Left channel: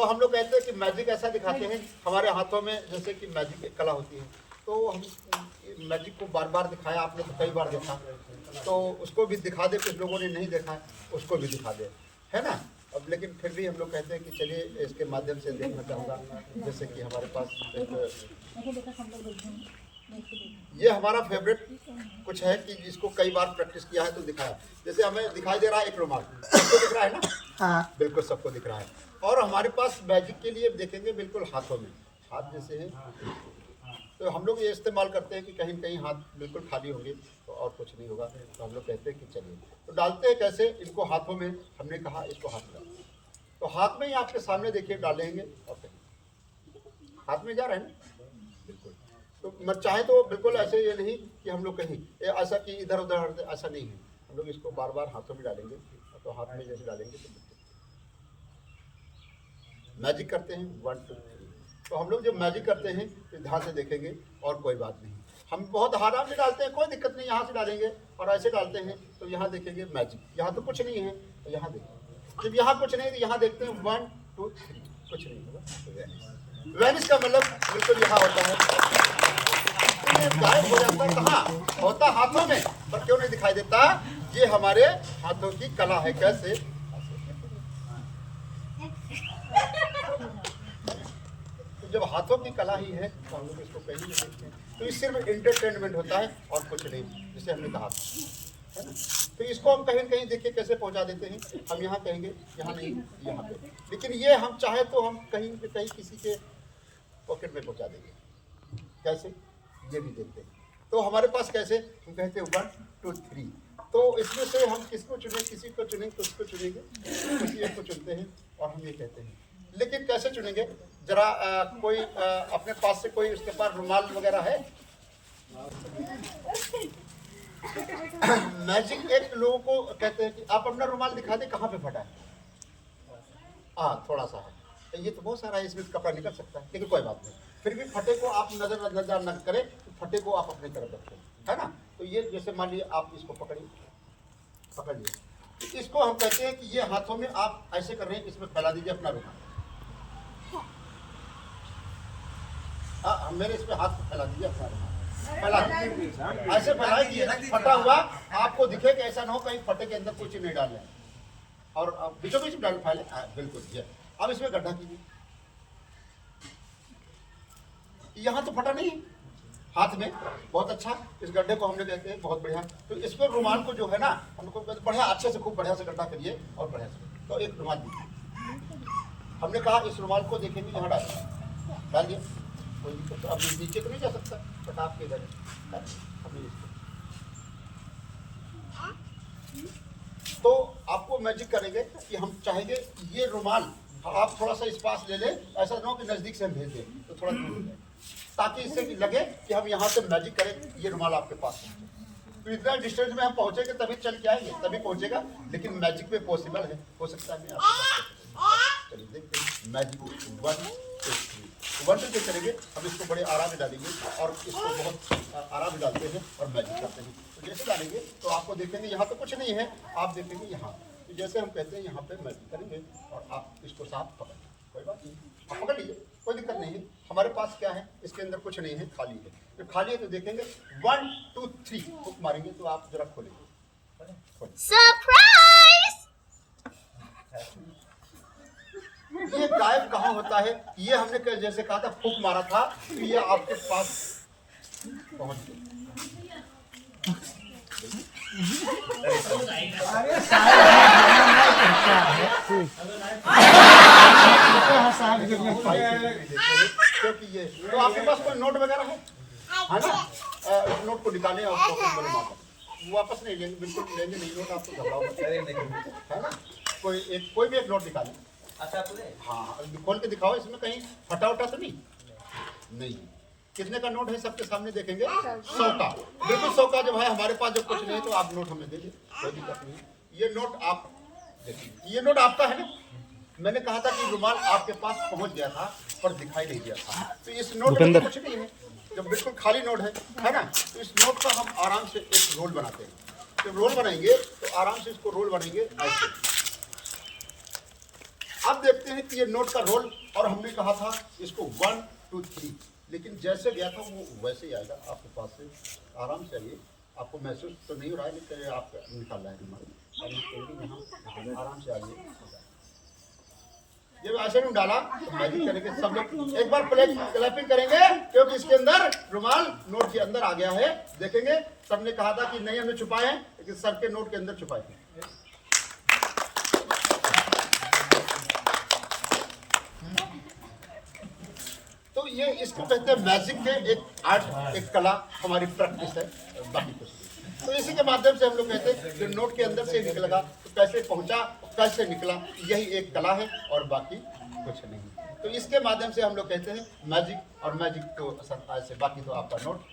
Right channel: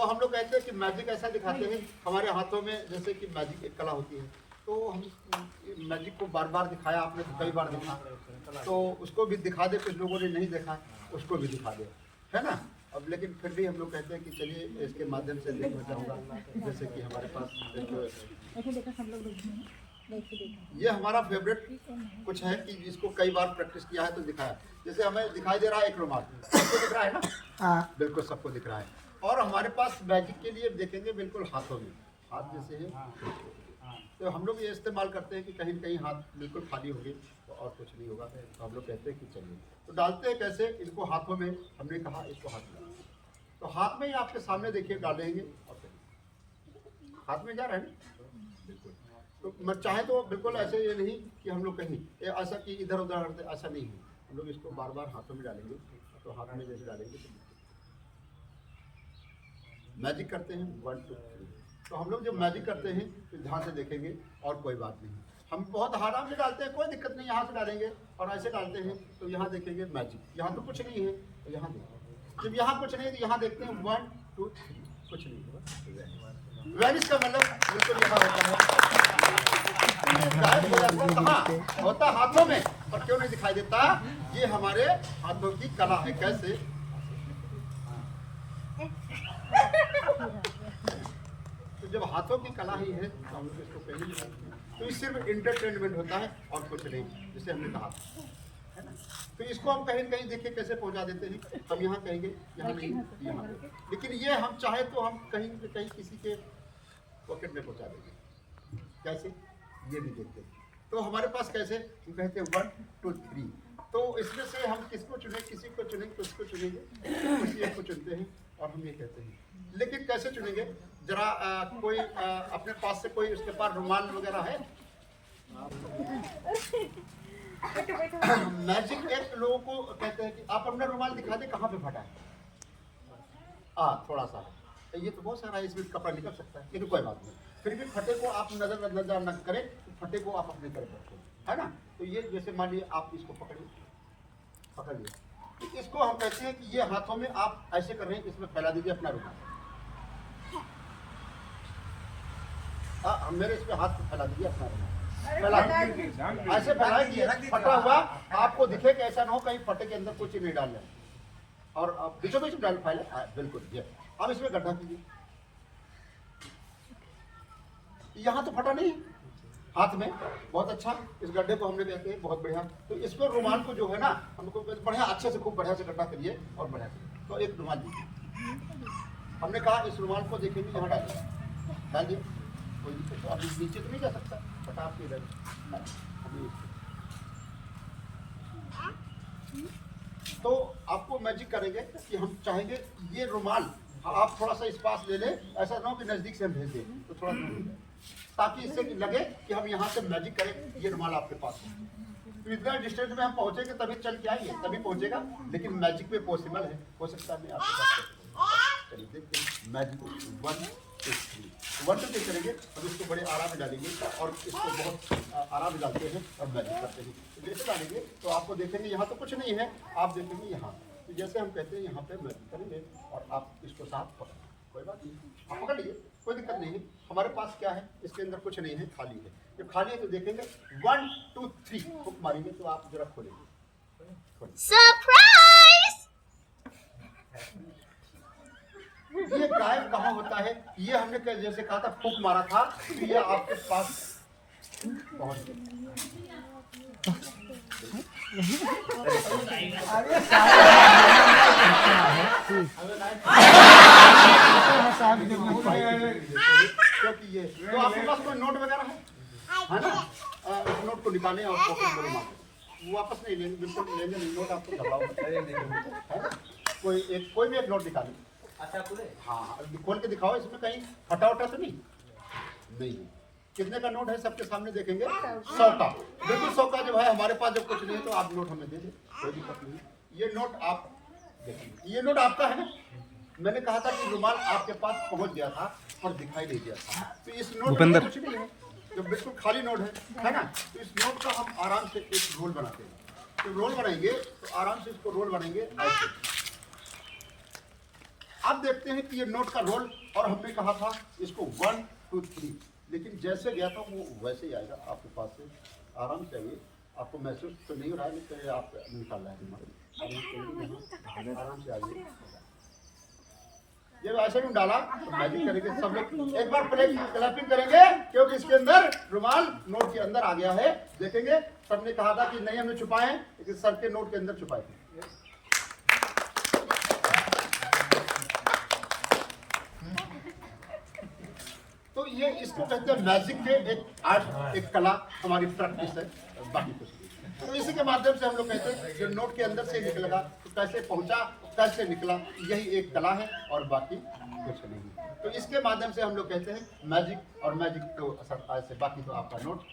तो हम लोग कहते हैं कि मैजिक ऐसा दिखाते हैं हमारे हाथों में, जैसे कि मैजिक एक कला होती है, तो हम मैजिक को बार बार दिखाया, आपने तो कई बार देखा, तो उसको भी दिखा दे, कुछ लोगों ने नहीं देखा उसको भी दिखा दे, है ना। अब लेकिन फिर भी हम लोग कहते हैं कि चलिए इसके माध्यम से देखना चाहूँगा। जैसे कि हमारे पास ये हमारा फेवरेट कुछ है कि जिसको कई बार प्रैक्टिस किया है तो दिखाया। जैसे हमें दिखाई दे रहा है एक रुमाल, सबको दिख रहा है ना? हाँ, बिल्कुल सबको दिख रहा है। और हमारे पास मैजिक के लिए देखेंगे बिल्कुल हाथों में, हाथ जैसे है, तो हम लोग ये इस्तेमाल करते हैं कि कहीं न कहीं हाथ बिल्कुल खाली होंगे तो और कुछ नहीं होगा, तो हम लोग कहते हैं कि चलिए तो डालते हैं कैसे इनको हाथों में। हमने कहा इसको हाथ में, तो हाथ में ही आपके सामने देखिए डालेंगे और कहीं हाथ में जा रहा है ना, बिल्कुल। तो मैं चाहे तो बिल्कुल ऐसे ये नहीं कि हम लोग कहीं ऐसा कि इधर उधर, ऐसा नहीं है। हम लोग इसको बार बार हाथों में डालेंगे, तो हाथ में जैसे डालेंगे तो मैजिक करते हैं 1 2 3। तो हम लोग जब मैजिक करते हैं तो ध्यान से देखेंगे और कोई बात नहीं। हम बहुत आराम से डालते हैं, कोई दिक्कत नहीं, यहाँ से डालेंगे और ऐसे डालते हैं तो यहाँ देखेंगे मैजिक, यहाँ तो कुछ नहीं है, तो यहाँ देखेंगे। जब यहाँ कुछ नहीं तो यहाँ देखते हैं 1 2 3, कुछ नहीं होगा। वैनिश का मतलब बिल्कुल यहाँ होता है, तो ये गायब हो जाता है। कहाँ होता? हाथों में। और क्यों नहीं दिखाई देता? ये हमारे हाथों की कला है। कैसे? तो जब हाथों की कला ही है तो हम लोग इसको कहीं नहीं सकते हैं। तो ये सिर्फ इंटरटेनमेंट होता है और कुछ नहीं, जैसे हमने कहा है ना। तो इसको हम कहीं कहीं देखिए कैसे पहुंचा देते हैं। हम यहाँ कहेंगे, यहाँ नहीं, यहाँ पे। लेकिन ये हम चाहे तो हम कहीं न कहीं किसी के पॉकेट में पहुंचा देंगे। कैसे? ये भी देखते हैं। तो हमारे पास कैसे हम कहते हैं 1 2 3। तो इसमें से हम किसको चुने? किसी को चुनेंगे, किसको चुनेंगे, किसी एक को चुनते हैं और हम ये कहते हैं। लेकिन कैसे चुनेंगे? जरा कोई अपने पास से कोई उसके पास रुमाल वगैरह है? मैजिक एक लोगों को कहते हैं कि आप अपना रुमाल दिखा दे, कहाँ पे फटा है? थोड़ा सा है, ये तो बहुत सारा है, इसमें कपड़ा निकल सकता है, लेकिन कोई बात नहीं। फिर भी फटे को आप नजर न करें, तो फटे को आप अपने तरफ रखें, है ना। तो ये जैसे मान लीजिए आप इसको पकड़िए, तो इसको हम कहते हैं कि ये हाथों में आप ऐसे कर रहे हैं, इसमें फैला दीजिए अपना रुमाल। मेरे इसमें हाथ को फैला दीजिए अपना रुमाल, ऐसे फैलाए कि फटा हुआ आपको दिखे, कि ऐसा ना हो कहीं फटे के अंदर कुछ नहीं डाल जाए। और बीचों बीच डाल फैले, बिल्कुल। ये अब इसमें गड्ढा कीजिए, यहाँ तो फटा नहीं हाथ में, बहुत अच्छा। इस गड्ढे को हमने कहते हैं बहुत बढ़िया। तो इस पर रुमाल को जो है ना, हमको बढ़िया अच्छे से खूब बढ़िया से गड्ढा करिए और बढ़िया से। तो एक रुमाल दीजिए, हमने कहा इस रुमाल को देखेंगे यहाँ डालिए, कोई दिक्कत। अब नीचे तो नहीं जा सकता, बट आपके इधर हमें इसको। तो आपको मैजिक करेंगे कि हम चाहेंगे ये रुमाल आप थोड़ा सा इस पास ले लें, ऐसा ना हो कि नजदीक से हम भेज दें, तो थोड़ा दूर है, ताकि इससे लगे कि हम यहाँ से मैजिक करें, ये रुमाल आपके पास पहुँचे। तो इतना डिस्टेंस में हम पहुँचेंगे तभी चल के आएंगे, तभी पहुँचेगा। लेकिन मैजिक में पॉसिबल है, हो सकता है मैं आपके पास। चलिए देखते हैं मैजिक 1 2 3। 1 2 करेंगे, अब इसको बड़े आराम में डालेंगे और इसको बहुत आराम में डालते हैं और मैजिक करते हैं। तो जैसे डालेंगे तो आपको देखेंगे यहाँ तो कुछ नहीं है, आप देखेंगे यहाँ। तो जैसे हम कहते हैं यहाँ पे मैजिक करेंगे और आप इसको साफ पकड़, कोई बात नहीं, आप पकड़ लीजिए, कोई दिक्कत नहीं है। हमारे पास क्या है, इसके अंदर कुछ नहीं है, खाली है। जब खाली है तो देखेंगे 1 2 3 हुक मारेंगे, तो आप जरा खोलेंगे। सरप्राइज! ये गायब कहाँ होता है? ये हमने जैसे कहा था फूक मारा था, तो ये आपके पास पहुंच गया। क्योंकि ये तो आपके पास कोई नोट वगैरह है ना? उस नोट को निकालें और पॉकेट में जमा करें। वापस नहीं लेंगे, बिल्कुल लेंगे नहीं नोट, आपको घबराओ है ना। कोई भी एक नोट निकालें। अच्छा हाँ, खोल के दिखाओ, इसमें कहीं फटा उटा तो नहीं। कितने का नोट है सबके सामने देखेंगे? 100 का, बिल्कुल 100 का। जब है हमारे पास जब कुछ नहीं तो आप नोट हमें दे दें, कोई दिक्कत नहीं। ये नोट आप देखिए, ये नोट आपका है ना। मैंने कहा था कि रुमाल आपके पास पहुंच गया था पर दिखाई नहीं दिया था। तो इस नोट में कुछ नहीं है, जब बिल्कुल खाली नोट है ना। तो इस नोट का हम आराम से एक रोल बनाते हैं। जब रोल बनाएंगे तो आराम से इसको रोल बनाएंगे ऐसे, अब देखते हैं कि ये नोट का रोल, और हमने कहा था इसको 1 2 3, लेकिन जैसे गया था वो वैसे ही आएगा आपके पास से। आराम से आइए, आपको महसूस तो नहीं हो रहा है, लेकिन आप निकाल रहे हैं, आराम से आइए। जब ऐसे में डाला तो मैजिक करेंगे सब लोग, एक बार क्लैपिंग करेंगे, क्योंकि इसके अंदर रुमाल नोट के अंदर आ गया है। देखेंगे, सबने कहा था कि नहीं हमने छुपाए हैं, लेकिन सर के नोट के अंदर छुपाए थे। तो ये इसको कहते हैं मैजिक के एक आर्ट, एक कला, हमारी प्रैक्टिस है, बाकी कुछ नहीं। तो इसी के माध्यम से हम लोग कहते हैं जो नोट के अंदर से निकलेगा तो कैसे पहुंचा, कैसे निकला, यही एक कला है और बाकी कुछ नहीं। तो इसके माध्यम से हम लोग कहते हैं मैजिक, और मैजिक तो ऐसे, बाकी तो आपका नोट